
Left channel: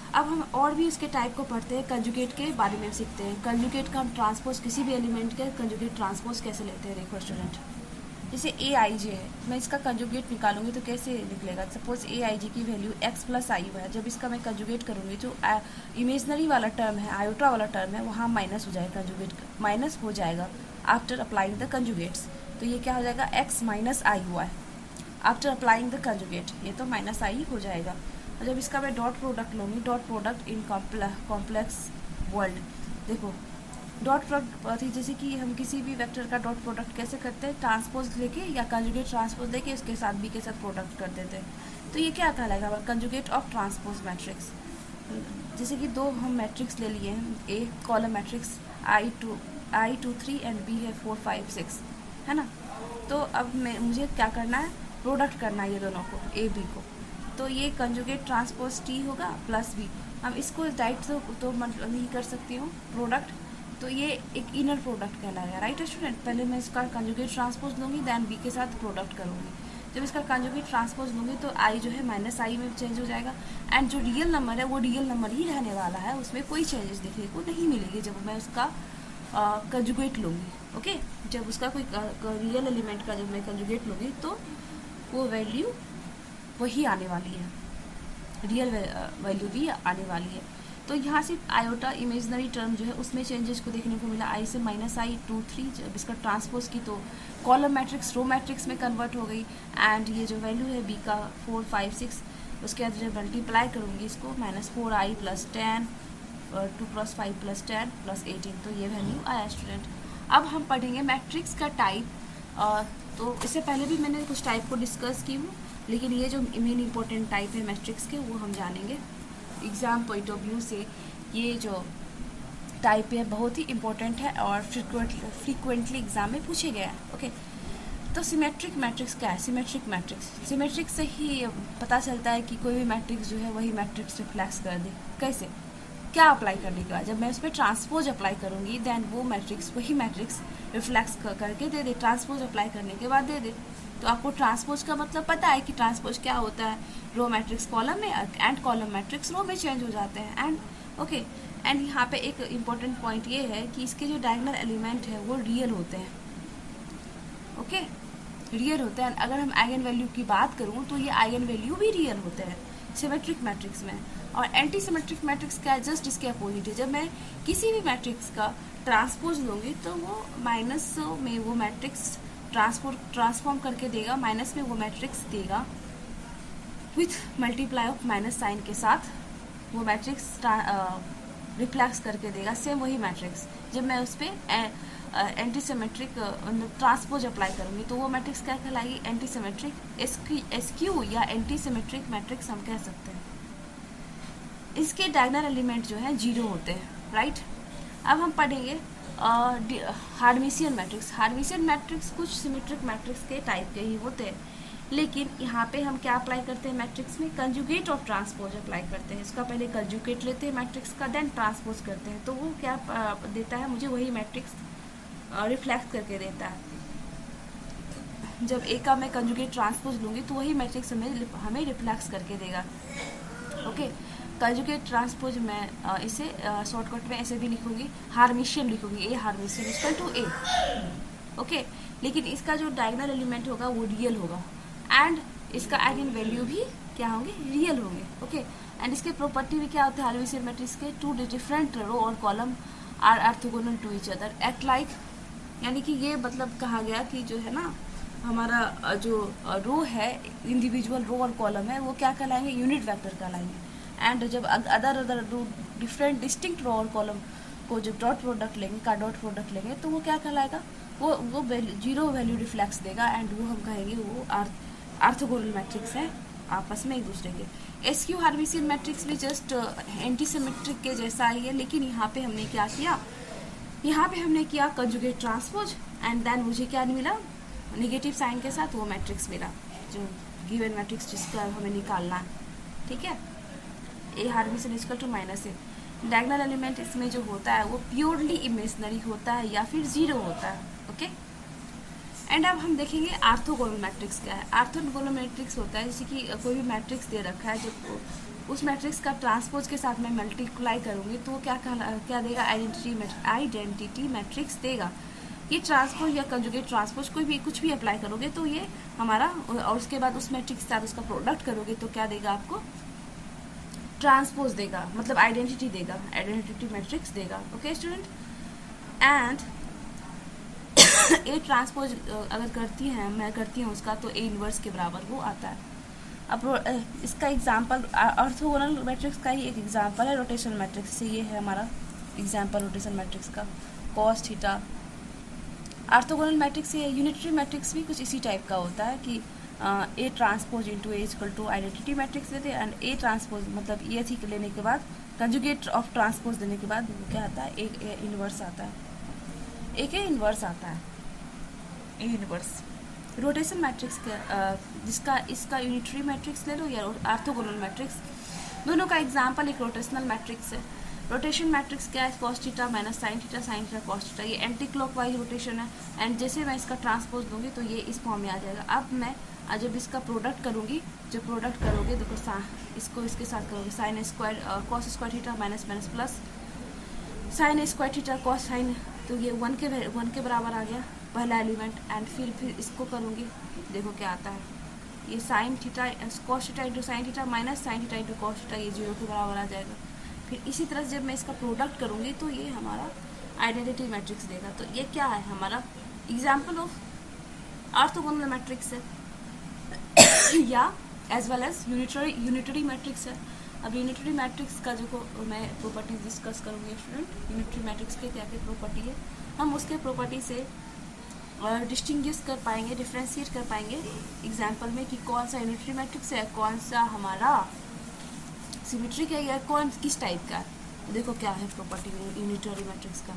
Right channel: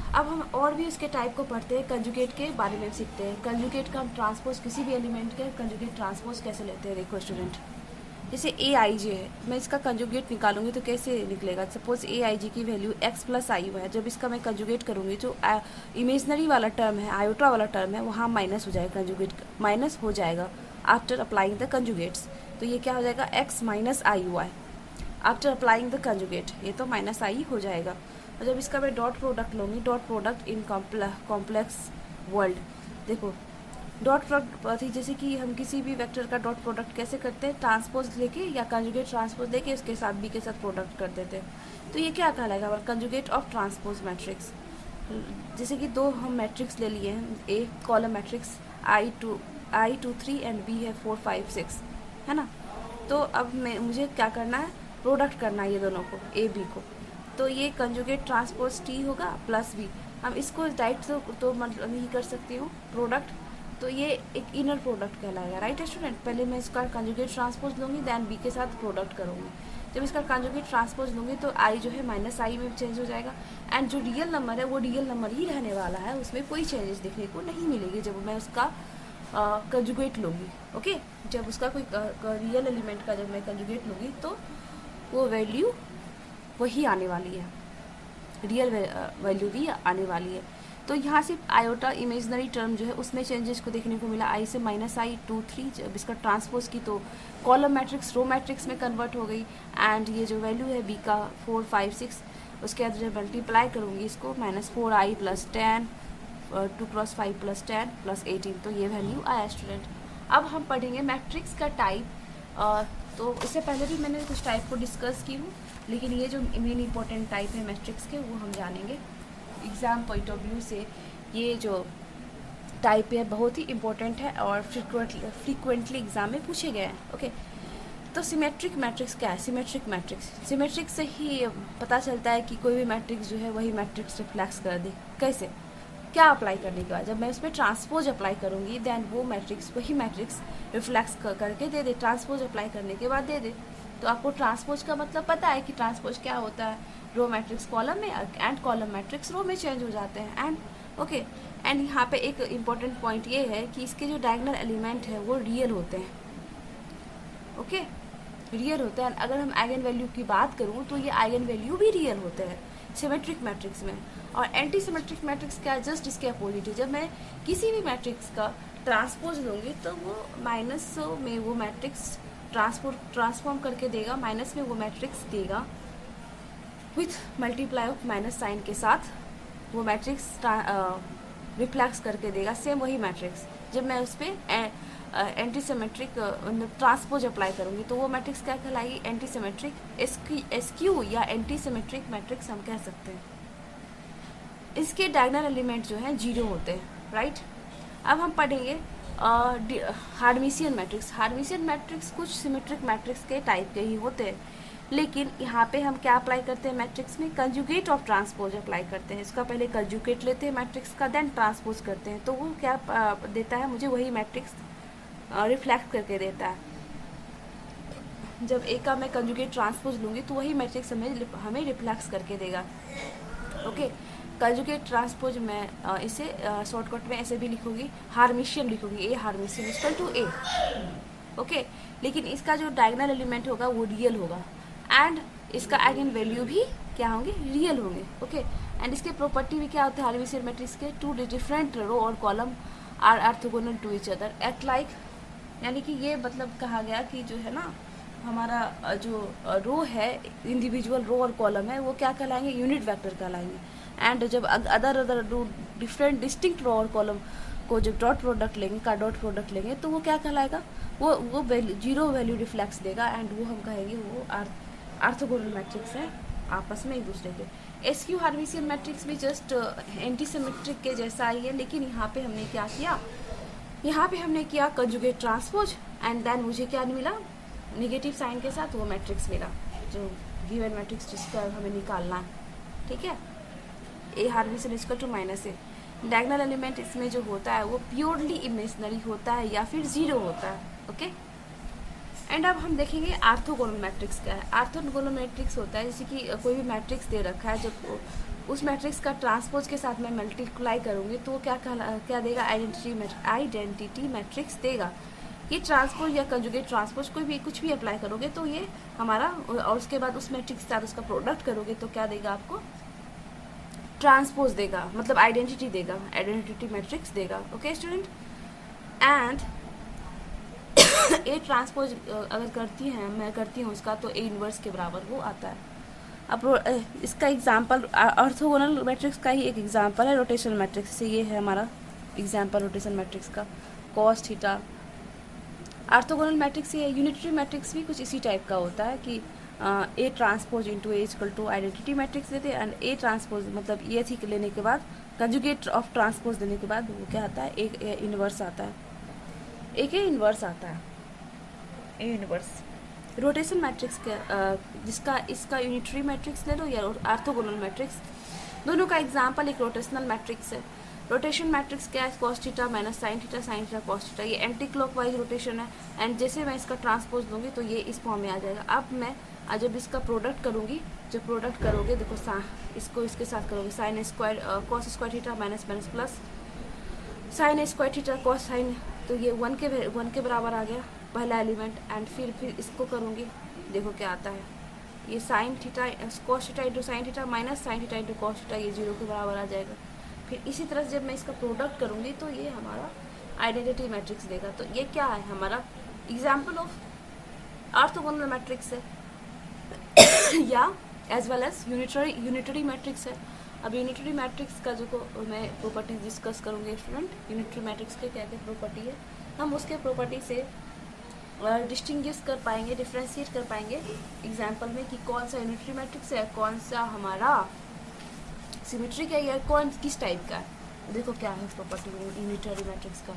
अब हम और भी उसके टाइप को पढ़ते हैं, कंजुगेट के बारे में सीखते हैं। कंजुगेट का हम ट्रांसपोज, किसी भी एलिमेंट के कंजुगेट ट्रांसपोज कैसे लेते हैं, देखो स्टूडेंट। जैसे ए आई जे है, मैं इसका कंजुगेट निकालूंगी तो कैसे निकलेगा। सपोज ए आई जी की वैल्यू एक्स प्लस आई है, जब इसका मैं कंजुगेट करूंगी तो इमेजनरी वाला टर्म है, आयोटा वाला टर्म है, वहाँ माइनस हो जाएगा, कंजुगेट माइनस हो जाएगा आफ्टर अप्लाइंग द कंजुगेट्स। तो ये क्या हो जाएगा, एक्स माइनस आई हुआ है आफ्टर अप्लाइंग द कंजुगेट, ये तो माइनस आई हो जाएगा। और जब इसका मैं डॉट प्रोडक्ट लूँगी, dot product in complex world, देखो डॉट प्रोडक्ट, जैसे कि हम किसी भी वेक्टर का डॉट प्रोडक्ट कैसे करते हैं, ट्रांसपोज लेके या कंजुगेट ट्रांसपोज लेके उसके साथ बी के साथ प्रोडक्ट कर देते हैं। तो ये क्या कहलाएगा, कंजुगेट ऑफ ट्रांसपोज मैट्रिक्स। जैसे कि दो हम मैट्रिक्स ले लिए हैं, A column matrix I2 3 and B है 4 5 6, है ना। तो अब मुझे क्या करना है, प्रोडक्ट करना है ये दोनों को, ए बी को। तो ये कंजुगेट ट्रांसपोज टी होगा प्लस बी। हम इसको डायरेक्ट तो मतलब नहीं कर सकती हूँ प्रोडक्ट, तो ये एक इनर प्रोडक्ट कहलाएगा, राइट स्टूडेंट। पहले मैं इसका कंजुगेट ट्रांसपोज लूँगी, देन बी के साथ प्रोडक्ट करूँगी। जब इसका कंजुगेट ट्रांसपोज लूँगी तो आई जो है माइनस आई में चेंज हो जाएगा, एंड जो रियल नंबर है वो रियल नंबर ही रहने वाला है, उसमें कोई चेंजेस देखने को नहीं मिलेगी जब मैं उसका कंजुगेट लूँगी। ओके, जब उसका कोई रियल एलिमेंट का जब मैं कंजुगेट लूँगी तो वो वैल्यू वही आने वाली है, रियल वैल्यू भी आने वाली है। तो यहाँ से आयोटा इमेजनरी टर्म जो है उसमें चेंजेस को देखने को मिला, आई से माइनस आई 2 3, जब इसका ट्रांसपोज की तो कॉलम मैट्रिक्स रो मैट्रिक्स में कन्वर्ट हो गई। एंड ये जो वैल्यू है बी का 4 5 6, उसके बाद जब मल्टीप्लाई करूँगी इसको, -4i + 10 2 + 5 + 10 + 18, तो ये वैल्यू आया स्टूडेंट। अब हम पढ़ेंगे मैट्रिक्स का टाइप। तो इससे पहले भी मैंने कुछ टाइप को डिस्कस की हूँ, लेकिन ये जो मेन इंपॉर्टेंट टाइप है मैट्रिक्स के वो हम जानेंगे। एग्ज़ाम पॉइंट ऑफ व्यू से ये जो टाइप है बहुत ही इम्पोर्टेंट है और फ्रीक्वेंटली एग्जाम में पूछे गए हैं। ओके, तो सिमेट्रिक मैट्रिक्स क्या है, सिमेट्रिक से ही पता चलता है कि कोई भी मैट्रिक्स जो है वही मैट्रिक्स रिफ्लेक्स कर दे। कैसे, क्या अप्लाई करने के बाद, जब मैं उस पर ट्रांसपोज अप्लाई करूँगी देन वो मैट्रिक्स वही मैट्रिक्स रिफ्लेक्स करके दे दे, ट्रांसपोज अप्लाई करने के बाद दे दे। तो आपको ट्रांसपोज का मतलब पता है कि ट्रांसपोज क्या होता है, रो मैट्रिक्स कॉलम में एंड कॉलम मैट्रिक्स रो में चेंज हो जाते हैं। एंड ओके, एंड यहाँ पे एक इम्पॉर्टेंट पॉइंट ये है कि इसके जो डायगोनल एलिमेंट है वो रियल होते हैं। ओके, रियल होते हैं। अगर हम आइगन वैल्यू की बात करूँ तो ये आइगन वैल्यू भी रियल होते हैं सिमेट्रिक मैट्रिक्स में। और एंटी सिमेट्रिक मैट्रिक्स क्या है, जस्ट इसके अपोजिट है। जब मैं किसी भी मैट्रिक्स का ट्रांसपोज लूँगी तो वो माइनस में वो मैट्रिक्स ट्रांसफॉर्म करके देगा, माइनस में वो मैट्रिक्स देगा with multiply of minus sign के साथ, वो मैट्रिक्स रिफ्लेक्स करके देगा सेम वही मैट्रिक्स। जब मैं उस पर एंटी सिमेट्रिक ट्रांसपोज अप्लाई करूँगी तो वो मैट्रिक्स क्या कहलाएगी, एंटी सिमेट्रिक एसक्यू या एंटी सिमेट्रिक मैट्रिक्स हम कह सकते हैं। इसके डायगोनल एलिमेंट जो है 0 होते हैं, राइट। अब हम पढ़ेंगे हार्मिशियन मैट्रिक्स। हार्मिशियन मैट्रिक्स कुछ सिमेट्रिक मैट्रिक्स के टाइप के ही होते हैं, लेकिन यहाँ पे हम क्या अप्लाई करते हैं मैट्रिक्स में, कंजुगेट ऑफ ट्रांसपोज अप्लाई करते हैं। इसका पहले कंजुगेट लेते हैं मैट्रिक्स का, देन ट्रांसपोज करते हैं, तो वो क्या देता है मुझे, वही मैट्रिक्स रिफ्लेक्ट करके देता है। जब ए का मैं कंजुगेट ट्रांसपोज लूँगी तो वही मैट्रिक्स हमें रिफ्लेक्स करके देगा। ओके, कंजुगेट ट्रांसपोज मैं इसे शॉर्टकट में ऐसे भी लिखूंगी, हार्मिशियन लिखूंगी, ए hermitian equal to A. Okay, लेकिन इसका जो डायगोनल एलिमेंट होगा वो रियल होगा, एंड इसका आइगन वैल्यू भी क्या होंगे, रियल होंगे। ओके, एंड इसके प्रॉपर्टी भी क्या होता है हार्मिशियन मैट्रिक्स के, 2 डिफरेंट रो और column are orthogonal to each other act like, यानी कि ये मतलब कहा गया कि जो है ना हमारा जो रो है, इंडिविजुअल रो और कॉलम है, वो क्या कहलाएंगे, यूनिट वेक्टर कहलाएंगे। एंड जब अदर डिफरेंट डिस्टिंक्ट रो और कॉलम को जब डॉट प्रोडक्ट लेंगे तो वो क्या कहलाएगा, वो वैल्यू 0 वैल्यू रिफ्लेक्स देगा, एंड वो हम कहेंगे वो ऑर्थोगोनल मैट्रिक्स है आपस में एक दूसरे के। एसक्यू हार्मिशियन मैट्रिक्स भी जस्ट एंटी सिमेट्रिक के जैसा ही है, लेकिन यहाँ पे हमने क्या किया, यहाँ पे हमने किया कंजुगेट ट्रांसपोज, एंड देन मुझे क्या मिला, नेगेटिव साइन के साथ वो मैट्रिक्स मिला, जो गिवन मैट्रिक्स जिसका हमें निकालना है। ठीक है, A hermitian equal to -a। Diagonal element इसमें जो होता है वो प्योरली इमेजनरी होता है या फिर 0 होता है। ओके, एंड अब हम देखेंगे ऑर्थोगोनल मैट्रिक्स क्या है। ऑर्थोगोनल मैट्रिक्स होता है जैसे कि कोई भी मैट्रिक्स दे रखा है, जब उस मैट्रिक्स का ट्रांसपोज के साथ मैं मल्टीप्लाई करूँगी तो क्या देगा, आइडेंटिटी मैट्रिक्स देगा। ये ट्रांसपोज या कंजुगेट ट्रांसपोज कोई भी कुछ भी अप्लाई करोगे तो ये हमारा, और उसके बाद उस मैट्रिक्स के साथ उसका प्रोडक्ट करोगे तो क्या देगा आपको, ट्रांसपोज देगा, मतलब आइडेंटिटी देगा, आइडेंटिटी मैट्रिक्स देगा। Okay student, and A transpose अगर मैं करती हूँ उसका, तो ए इनवर्स के बराबर वो आता है। अब इसका एग्जांपल ऑर्थोगोनल मैट्रिक्स का ही एक एग्जांपल है रोटेशन मैट्रिक्स से। ये है हमारा एग्जांपल रोटेशन मैट्रिक्स का, कॉस थीटा। ऑर्थोगोनल मैट्रिक्स या यूनिटरी मैट्रिक्स भी कुछ इसी टाइप का होता है कि A transpose into A equal to identity matrix लेते हैं, एंड ए ट्रांसपोज मतलब ये थी लेने के बाद कंजुगेट ऑफ ट्रांसपोज देने के बाद वो क्या आता है, एक ए इनवर्स आता है, एक ए इनवर्स आता है, ए इनवर्स। रोटेशन मैट्रिक्स जिसका इसका यूनिटरी मैट्रिक्स ले लो या ऑर्थोगोनल मैट्रिक्स, दोनों का एग्जांपल एक रोटेशनल मैट्रिक्स है। रोटेशन मैट्रिक्स क्या है, cos theta minus sine theta cos theta, ये एंटी क्लॉकवाइज रोटेशन है। एंड जैसे मैं इसका ट्रांसपोज दूंगी तो ये इस फॉर्म में आ जाएगा। अब मैं जब इसका प्रोडक्ट करूँगी, जब प्रोडक्ट करोगे देखो इसको इसके साथ करोगे, sine square cos square theta minus minus plus sine square theta cos sine, तो ये 1 के बराबर आ गया पहला एलिमेंट। एंड फिर इसको करूँगी, देखो क्या आता है, ये sine theta cos theta into sine theta minus sine theta into cos theta, ये 0 के बराबर आ जाएगा। फिर इसी तरह से जब मैं इसका प्रोडक्ट करूँगी तो ये हमारा आइडेंटिटी मैट्रिक्स देगा। तो ये क्या है, हमारा एग्जाम्पल ऑफ ऑर्थोगोनल मैट्रिक्स है या as well as unitary matrix है। अब यूनिटरी मैट्रिक्स का जो मैं प्रॉपर्टीज डिस्कस करूँगी स्टूडेंट, यूनिटरी मैट्रिक्स के क्या क्या प्रॉपर्टी है, हम उसके प्रॉपर्टी से डिस्टिंग्विश कर पाएंगे, डिफ्रेंशिएट कर पाएंगे एग्जाम्पल में कि कौन सा यूनिटरी मैट्रिक्स है, कौन सा हमारा सिमेट्रिक है, या कौन किस टाइप का है। देखो क्या है प्रॉपर्टी यूनिटरी मैट्रिक्स का।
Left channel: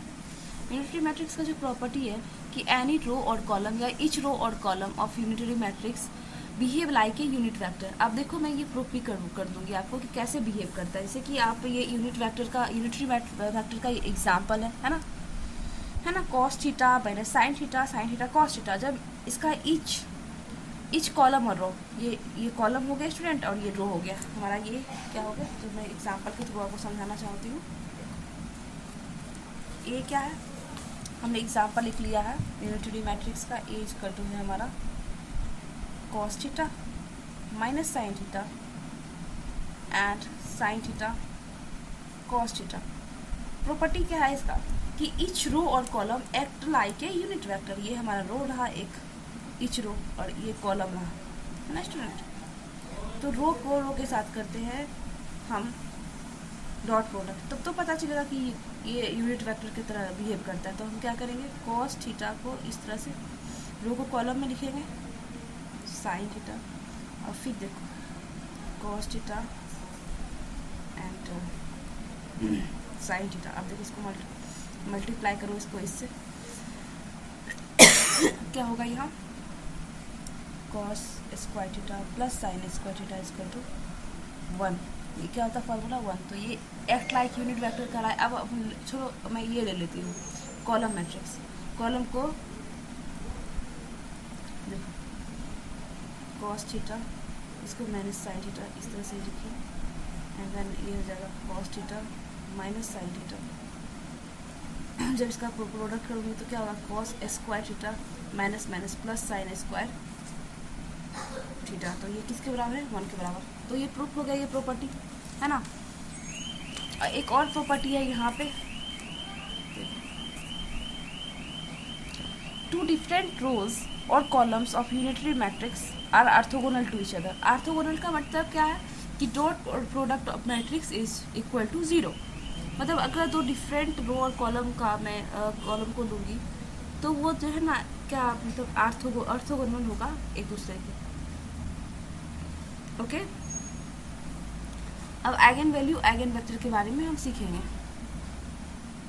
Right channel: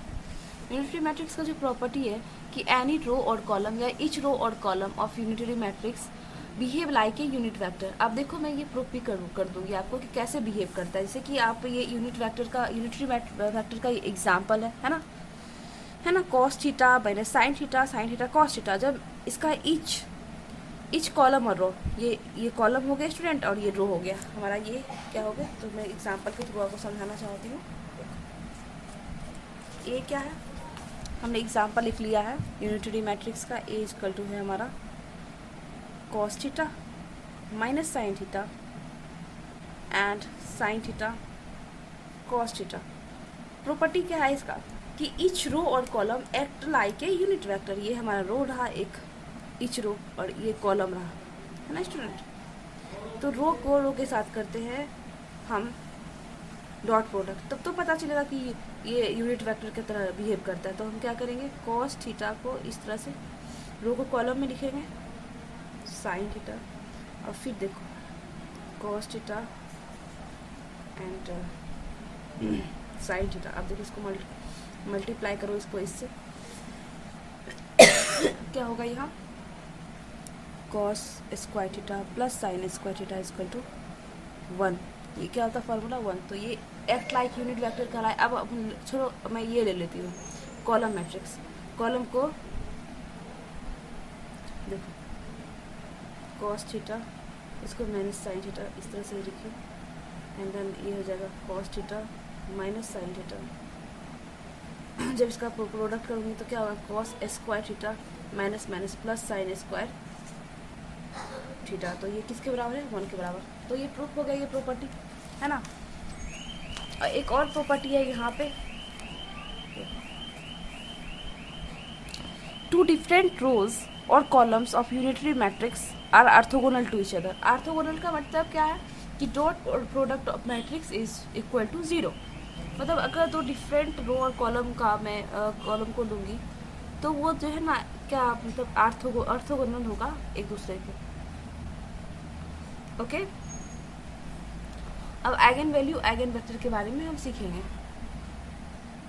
यूनिटरी मैट्रिक्स का जो प्रॉपर्टी है कि एनी रो और कॉलम या ईच रो और column of unitary matrix behave like a unit vector. अब देखो मैं ये प्रूफ भी कर दूंगी आपको कि कैसे बिहेव करता है। जैसे कि आप ये यूनिटरी वेक्टर का एग्जाम्पल है ना, cos theta minus sine theta cos theta. जब इसका ईच कॉलम और रो, ये कॉलम हो गया स्टूडेंट और ये रो हो गया हमारा, ये क्या हो गया, तो मैं एग्जाम्पल के थ्रू आपको समझाना चाहती हूँ। ये क्या है, हमने एग्जाम्पल लिख लिया है यूनिटरी मैट्रिक्स का। ए इक्वल टू है हमारा cos theta minus sine theta and sine theta cos theta. Property क्या है इसका कि ईच रो और column act like a unit vector. ये हमारा रो रहा एक, ईच रो, और ये कॉलम रहा, है ना स्टूडेंट। तो रो को रो के साथ करते हैं हम डॉट प्रोडक्ट, तब तो पता चलेगा कि ये यूनिट वेक्टर की तरह बिहेव करता है। तो हम क्या करेंगे, कॉस थीटा को इस तरह से रो को कॉलम में लिखेंगे, साइन थीटा, और फिर देखो cos theta and sine theta. अब देखो इसको मल्टीप्लाई करो इसको इससे क्या होगा, यहाँ cos square theta plus sine square theta equal to 1। ये क्या होता है फार्मूला 1। तो ये एक्ट लाइक यूनिट वेक्टर कहलाए। अब छोड़ो, मैं ये ले लेती हूँ कॉलम मैट्रिक्स। कॉलम को देखो कॉस थीटा, इसको माइनस साइन थीटा इस तरह से लिखिए, एंड देन ये हो जाएगा cos theta minus sine theta. जब इसका प्रोडक्ट करूँगी तो क्या होगा, cos square theta minus minus plus sine square theta. तो ये किसके बराबर है, 1 के बराबर। तो ये प्रूफ हो गया, ये प्रॉपर्टी है ना। और एक और प्रॉपर्टी है यहाँ पे, टू डिफरेंट रोज और columns of unitary matrix are orthogonal to each other. Orthogonal का मतलब क्या है कि डॉट और product of matrix is equal to 0। मतलब अगर दो डिफरेंट रो और कॉलम का मैं कॉलम को लूँगी तो वो जो है ना, क्या मतलब ऑर्थोगोनल होगा एक दूसरे के। ओके, अब आइगन वैल्यू आइगन वेक्टर के बारे में हम सीखेंगे।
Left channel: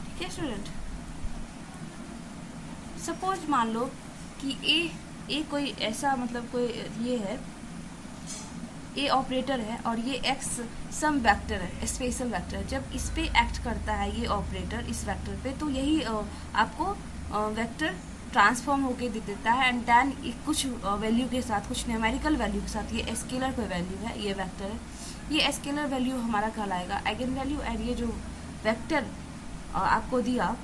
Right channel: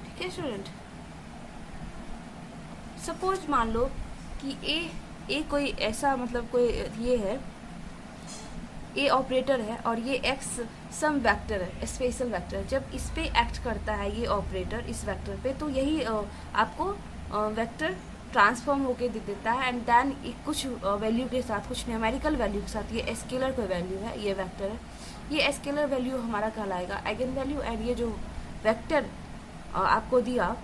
ठीक है स्टूडेंट, सपोज मान लो कि ए कोई ऐसा मतलब कोई ये है, ए ऑपरेटर है और ये एक्स सम वेक्टर है, स्पेशल वेक्टर है। जब इस पे एक्ट करता है ये ऑपरेटर इस वेक्टर पे, तो यही आपको वेक्टर ट्रांसफॉर्म होके दे देता है। एंड देन कुछ वैल्यू के साथ, कुछ न्यूमेरिकल वैल्यू के साथ, ये स्केलर कोई वैल्यू है, ये वेक्टर है, ये स्केलर वैल्यू हमारा कहलाएगा आइगन वैल्यू, एंड ये जो वेक्टर आपको दिया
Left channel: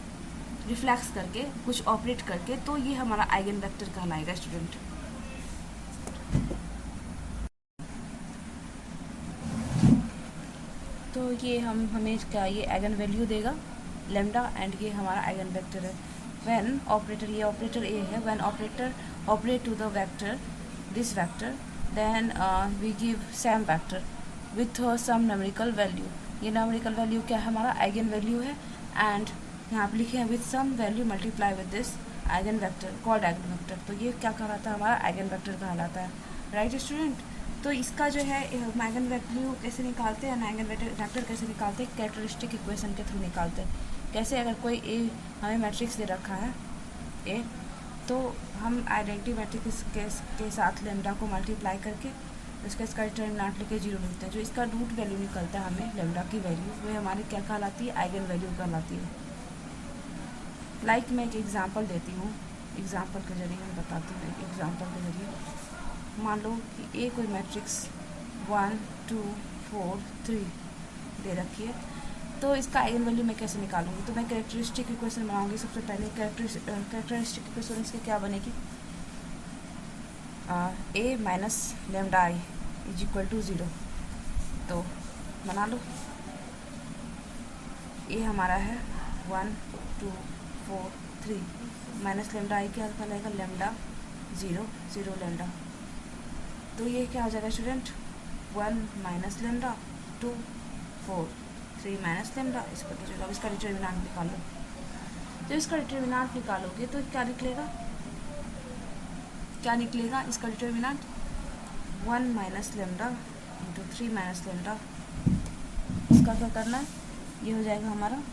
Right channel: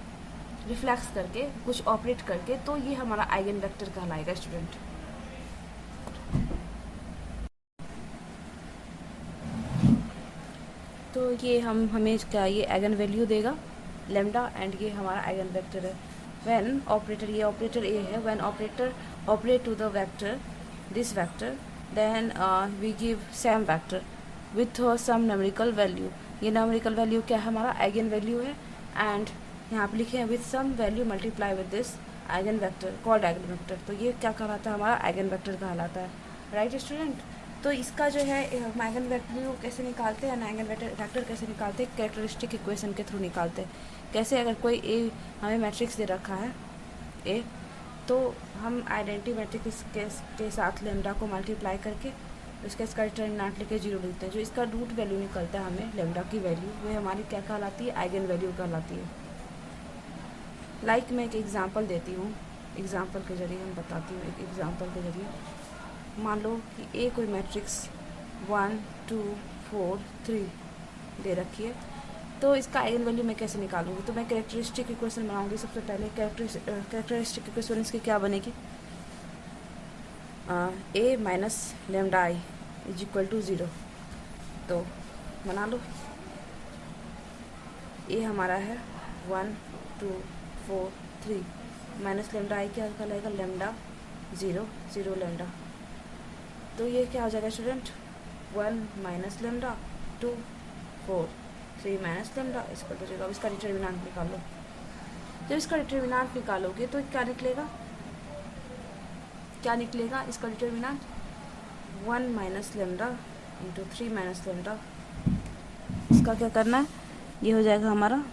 रिफ्लेक्स करके कुछ ऑपरेट करके, तो ये हमारा आइगन वेक्टर कहलाएगा स्टूडेंट। तो ये हमें क्या ये आइगन वैल्यू देगा लेमडा, एंड ये हमारा आइगन वेक्टर है। व्हेन ऑपरेटर, ये ऑपरेटर ए है, when operator operate to the vector this vector then we give same vector with some numerical value. ये न्यूमेरिकल वैल्यू क्या है, हमारा आइगन वैल्यू है, एंड यहाँ पे लिखे हैं with some value multiply with this eigen vector called eigen vector. तो ये क्या कहलाता है, हमारा आइगन वेक्टर कहलाता है, राइट स्टूडेंट। तो इसका जो है हम आइगन वैल्यू कैसे निकालते हैं, आइगन वेक्टर कैसे निकालते हैं, कैरेक्टरिस्टिक इक्वेशन के थ्रू निकालते हैं। कैसे, अगर कोई ए हमें मैट्रिक्स दे रखा है ए, तो हम आइडेंटिटी मैट्रिक्स के साथ लेमडा को मल्टीप्लाई करके उसका इसका डिटरमिनेंट लेके 0 लिखते हैं। जो इसका रूट वैल्यू निकलता है हमें लेमडा की वैल्यू, वो हमारी क्या कहलाती है, आइगन वैल्यू कहलाती है। लाइक मैं एक एग्जांपल देती हूँ, एग्जांपल के जरिए मैं बताती हूँ, एक एग्जांपल के जरिए। मान लो कि ए कोई मैट्रिक्स 1 2 4 3 दे रखी है, तो इसका आइगन वैल्यू मैं कैसे निकालूंगी। तो मैं कैरेक्टरिस्टिक इक्वेशन बनाऊंगी। सबसे पहले कैरेक्टरिस्टिक इक्वेशन इसकी क्या बनेगी, A minus lambda I is equal to 0। तो बना लो, ए हमारा है 1 2 4 3 माइनस लेमडा आई क्या कहलाएगा, लेमडा 0 0 लेमडा। तो ये क्या हो जाएगा student, 1 minus lambda 2 4 3 minus lambda इसका तो 0। अब इसका डिटरमिनेंट निकाल लो। जब इसका डिटरमिनेंट निकालोगे तो क्या निकलेगा, क्या निकलेगा इसका determinant, 1 minus lambda into 3 minus lambda. इसका क्या करना है, ये हो जाएगा हमारा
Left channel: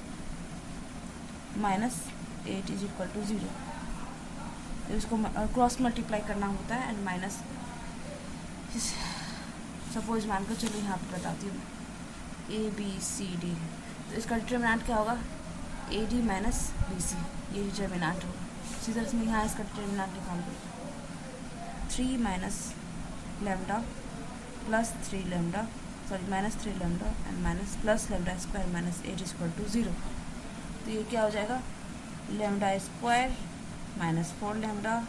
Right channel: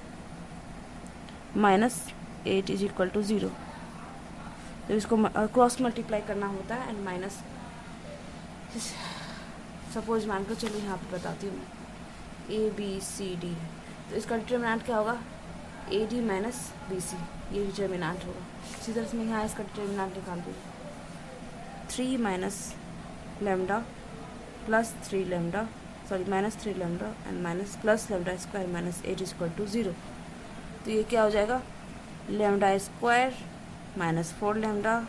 -8 इज इक्वल टू 0। तो इसको क्रॉस मल्टीप्लाई करना होता है, एंड माइनस, सपोज मान कर चलो यहाँ पर बताती हूँ ABCD, तो इसका डिटरमिनेंट क्या होगा, AD माइनस BC, ये डिटरमिनेंट होगा। इसी तरह से मैं यहाँ इसका डिटरमिनेंट निकाल दूँगी, 3 minus lambda plus 3 lambda, sorry minus 3 lambda and minus plus lambda square minus 8 is equal to 0। तो ये क्या हो जाएगा, lambda square minus 4 lambda,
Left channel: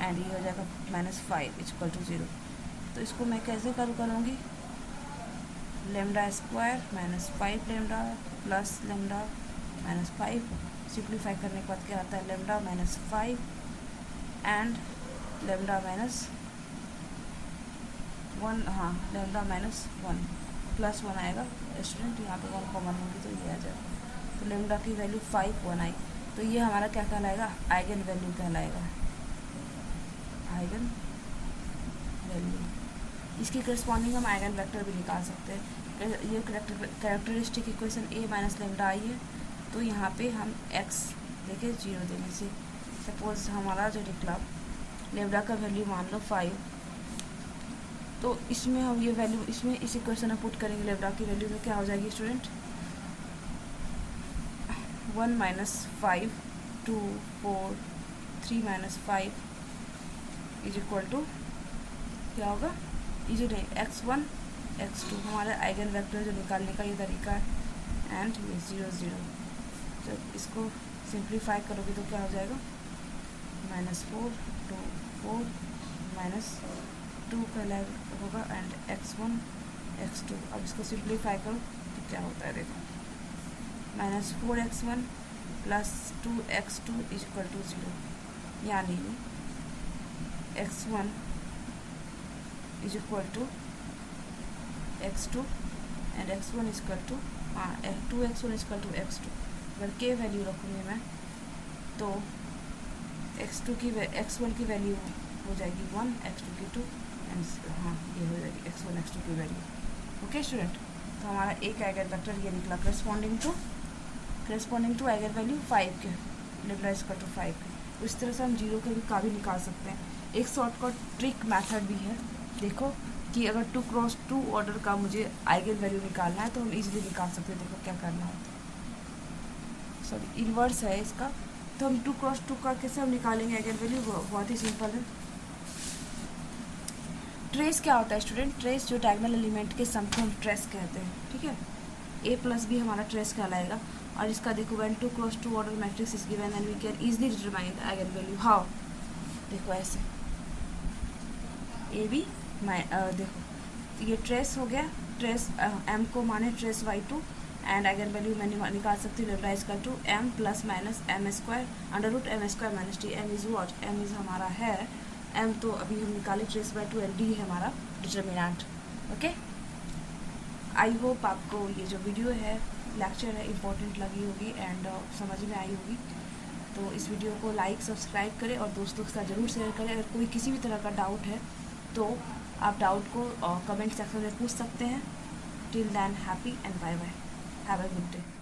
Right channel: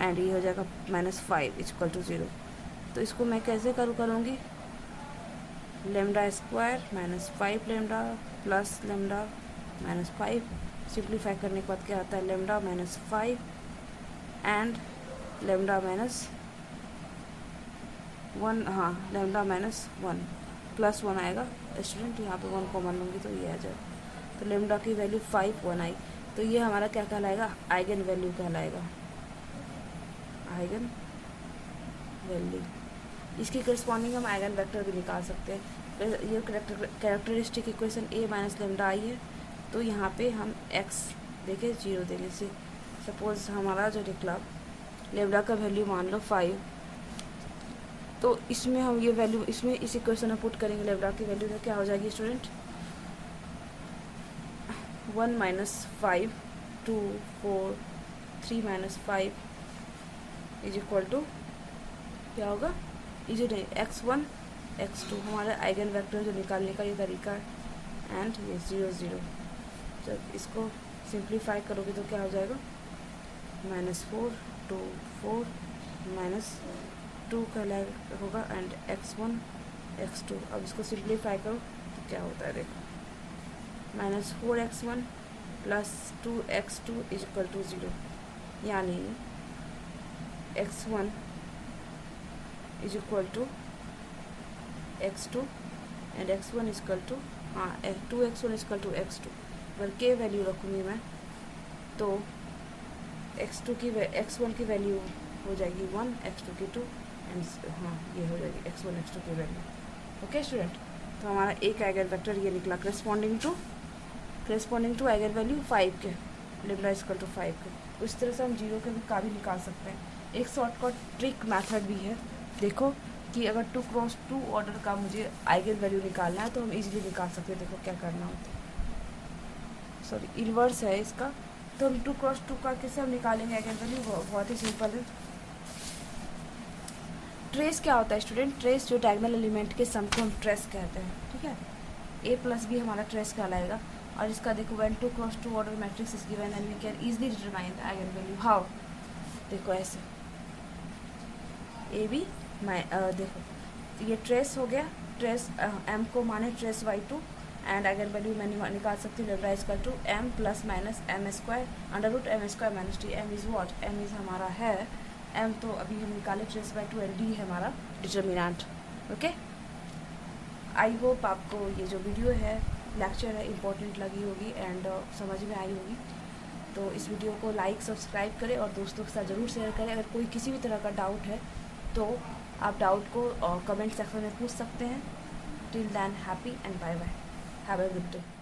and ये हो जाएगा -5 इज इक्वल टू 0। तो इसको मैं कैसे करूँगी, lambda square minus 5 lambda plus lambda minus 5, simplify करने के बाद क्या आता है, lambda minus 5 and lambda minus 1, हाँ लेमडा माइनस 1 प्लस 1 आएगा स्टूडेंट, यहाँ पे 1 कॉमन लूँगी तो ये आ जाएगा। तो लेमडा की वैल्यू 5 1 आई, तो ये हमारा क्या कहलाएगा, आइगन वैल्यू कहलाएगा, आइगन वैल्यू। इसकी करस्पॉन्डिंग हम आइगन वेक्टर भी निकाल सकते हैं। ये कैरेक्टरिस्टिक इक्वेशन ए माइनस लेमडा आई है, तो यहाँ पे हम एक्स देखें 0 देने से, सपोज हमारा जो निकला लेमडा का वैल्यू मान लो 5, तो इसमें हम ये वैल्यू इसमें इस इक्वेशन में पुट करेंगे लेमडा की वैल्यू, तो क्या हो जाएगी student, 1 minus 5 2 4 3 minus 5 is equal to क्या होगा, ये जो x1 x2 हमारे आइगन वेक्टर जो निकालने का ये तरीका है, एंड ये 0 0। जब इसको सिंप्लीफाई करोगे तो क्या हो जाएगा, -4 2 4 -2 कहलाएगा होगा, एंड x1 x2। अब इसको सिंप्लीफाई करो तो क्या होता है, देखो -4x1 plus 2x2 is equal to 0, यानी x1 is equal to x2 and x1 is equal to, हाँ 2x1 is equal to x2। अगर के वैल्यू रखूँगी मैं तो x1 की वैल्यू हो जाएगी 1, x2 की 2, एंड हाँ ये हो जाएगी x1 x2 की वैल्यू। ओके स्टूडेंट, तो हमारा एक आइगन वेक्टर ये निकला करस्पॉन्डिंग टू आइगन वैल्यू 5 के, लेमडा इज इक्वल टू 5 के। उस तरह से हम 0 के भी निकाल सकते हैं। एक शॉर्टकट ट्रिक मेथड भी है, देखो कि अगर 2 क्रॉस 2 ऑर्डर का मुझे आइगन वैल्यू निकालना है तो हम इजीली निकाल सकते हैं। देखो क्या करना होता है, सॉरी इन्वर्स है इसका, तो हम 2 क्रॉस 2 का कैसे हम निकालेंगे आइगन वैल्यू, बहुत ही सिंपल है। ट्रेस क्या होता है स्टूडेंट? ट्रेस जो डायगोनल एलिमेंट के सम को हम ट्रेस कहते हैं, ठीक है। ए प्लस बी हमारा ट्रेस कहलाएगा। और इसका देखो when two cross two order matrix is given and we can easily determine the eigen value. How? देखो ऐसे ए बी देखो ये ट्रेस हो गया, ट्रेस एम को माने trace by two and eigen value मैं निकाल सकती हूँ lambda equal to M plus minus M square under root M square minus T. M is what? M is हमारा है एम, तो अभी हम निकाले trace by two and D है हमारा डिटर्मिनेंट। ओके, आई होप आपको ये जो वीडियो है लेक्चर है इम्पोर्टेंट लगी होगी एंड समझ में आई होगी। तो इस वीडियो को लाइक सब्सक्राइब करें और दोस्तों के साथ ज़रूर शेयर करें। अगर कोई किसी भी तरह का डाउट है तो आप डाउट को कमेंट सेक्शन में पूछ सकते हैं। Till then happy and bye bye, have a good day.